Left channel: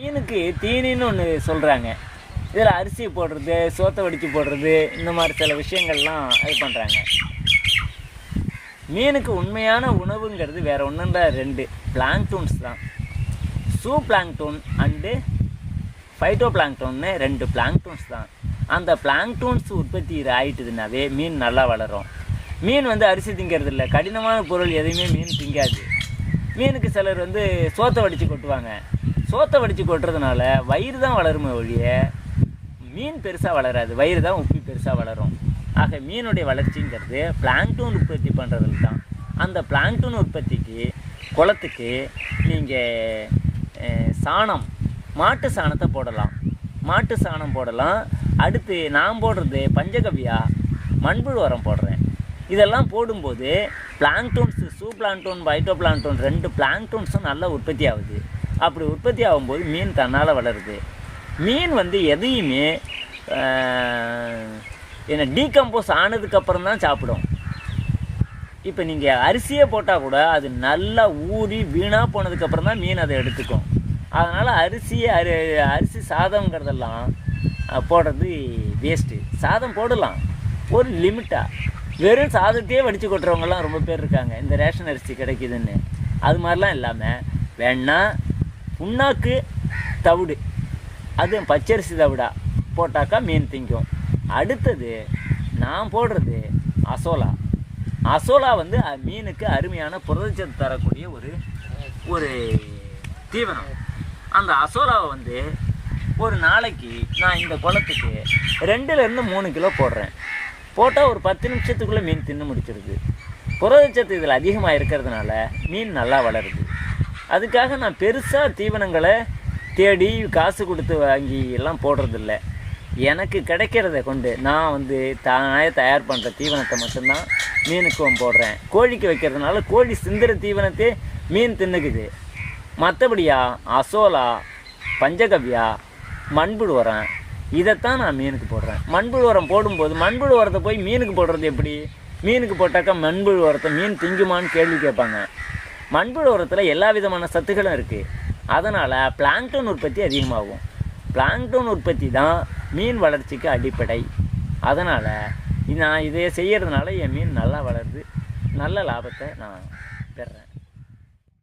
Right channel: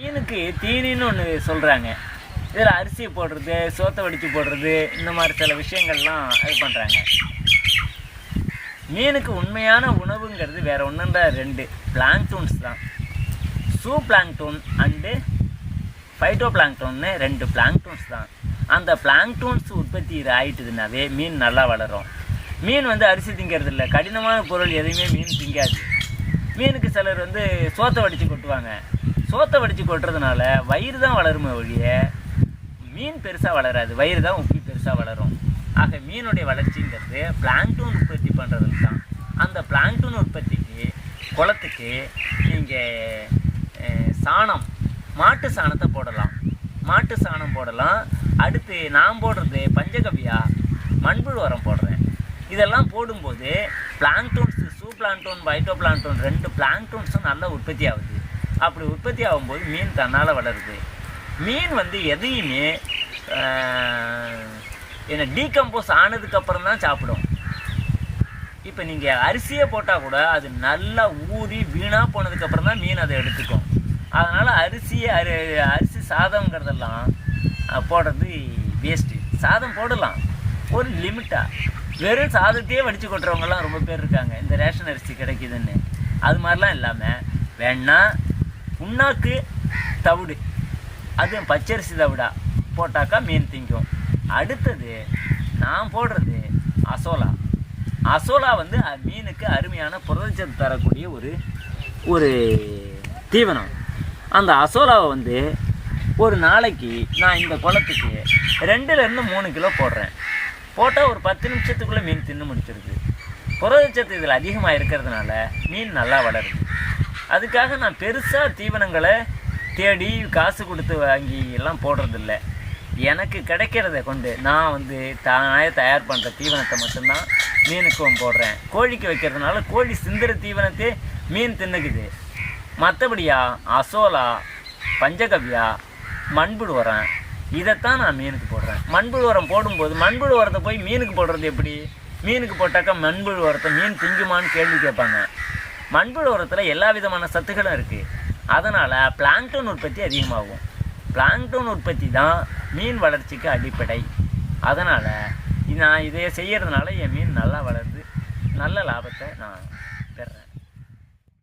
மீனுக்கு தீனின்னு ஒன்று சொல்கிறாங்க இதில் அரிசி போடுறது சோத்தை வடித்து போடுறது இந்த மாதிரி சில விஷயங்கள்லாம் இது பண்ணுறாங்க மீனுக்கு உண்மையான உணவுங்கிறது வேறு ஒன்றும் ரெண்டு. பிளாங்டூன்ஸ் தான். சூ பிளாங்டூன் அண்டு ஃபைட்டோ பிளாங்டோன்னு ரெண்டு பிளாங்டூன்ஸ் தான். அந்த பிளாங்டூன்ஸ் உற்பத்தி ஆகிட்டுதுனாவே மீன் நல்லா வளரும். மீன் வந்து அரிசி திங்கிறது இல்லை. கடினமான பொருள் எதுவுமே மீன் திங்காது. மீனுக்கு சிலர் வந்து சோத்தை வடித்து கொட்டுவாங்க. சோத்தை வடித்து கொட்டுறதுனால வயிறு தான் வளருமே ஒழிய மீன் பெருசாக வளராது. வயிறு தான் உப்பி பெருசாக வளரும். ஆக மீனுடைய வளர்ச்சிங்கிறது பிளாங்டூன் உற்பத்தி பண்ணுறதுல தான். அந்த பிளாங்டூன் உற்பத்திக்கு குளத்துக்கு நீங்கள் சாணம் மாட்டு சாணத்தை போடலாம். மாட்டு சாணம் போடலாம். அடுத்து நான் போடுறது பஞ்சகவ்யா மண்புழு உரம் போடுறேன். இதெல்லாம் போடும்போது பிளாங்டூன்ஸ் சூ பிளாங்டூன் பைட்டோ பிளாங்டூன் ரெண்டு பிளாங்டூன்ஸும் நல்லா உற்பத்தி ஆகுது. அப்படி உற்பத்தி ஆகும்போது மீன் தன்னால் வளருது. மீன் வந்து எதையுமே என்ன டீகம்போஸ் ஆனதுக்கப்புறம் தான் சாப்பிடும். இப்போ நீங்கள் அரிசியே போட்டால் கூட அது நல்லா ஊறி வீணாக போனதுக்கப்புறம் தான் மீன் அதை எடுத்துக்கும். அதனால் அரிசியை அரி அரிசி சாதம்ங்கிறதெல்லாம் போடுறது வேஸ்ட்டு சாதம் போடலாம். ஒரு லிமிட்டாக வெறும் சாதத்தையே வடித்து கொட்டுறவங்கலாம் ரொம்ப பேர் இருக்காங்க. இந்த ரேஷன் அரிசி கிடைக்குதுன்னு. அது மாதிரிலாம் இல்லாமல் வேணால் புண்ணாக்கு தவிடு. அது பச்சரிசி தவிடா. போட்டாக்கா மீன் திங்கும். அடுத்தது நான் போடுறது அசோலா. அசோலா வந்து மீனுக்கு அருமையான புரதச்சத்து தரக்கூடிய ஒரு ஒரு தீவனம். அந்த அசோலாவை வந்து ஒரு நாளைக்கு நான் இந்த குளத்துக்கு ரெண்டுலேருந்து மூணு கிலோ போடுறேன். போட்டால் ஒரு பத்து நிமிஷத்துக்குள்ளே மீன் தின்னு முடிச்சிருக்கு புரதச்சத்து இதில் அதிகமாக இருக்கிறதுனால மீன் நல்லா வளருது. அதுக்காக நான் பெருசாக தீவனங்களை தேடி காசு கொடுத்து வாங்கி எல்லாம் போடுறதில்ல. எனக்கு கிடைக்கிறத கொண்டு நான் வந்து தானே தயார் பண்ணுற தீவனத்தை மட்டும்தான் மீனுக்கும் போடுறேன். கோழிக்கு வைக்கிறதுனால கோழி சிந்துற தீவனத்தை மீன் தின்னுக்குது. மற்றபடியா அசோலா பஞ்சகவ்யா மண்புழு உரம் இதைத்தான் நான் மீனுக்கு போடுறேன். மண்புழு உரம் போடும்போது மண்புழு உரத்தை போய் மீனுக்கு போடுறது எப்படி? மீனுக்கு போட்டாக்கா மண்புழு உரத்தை மீன் திங்குமான்னு கேள்வி கேட்பாங்க. மண்புழு உரத்தில் எல்லா விதமான சத்துக்களும் இருக்குது அதனால் பிளாங்டன் உற்பத்தி அதிகமாகும். பிளாங்டன் உற்பத்தி தான் மீன் வளர்ச்சிக்கு அடிப்படை. அதனால் நான் இதை செய்கிறதுனால என் மீன் நல்லா வளருது. நல்ல லாபத்தை நான் பெறேன்.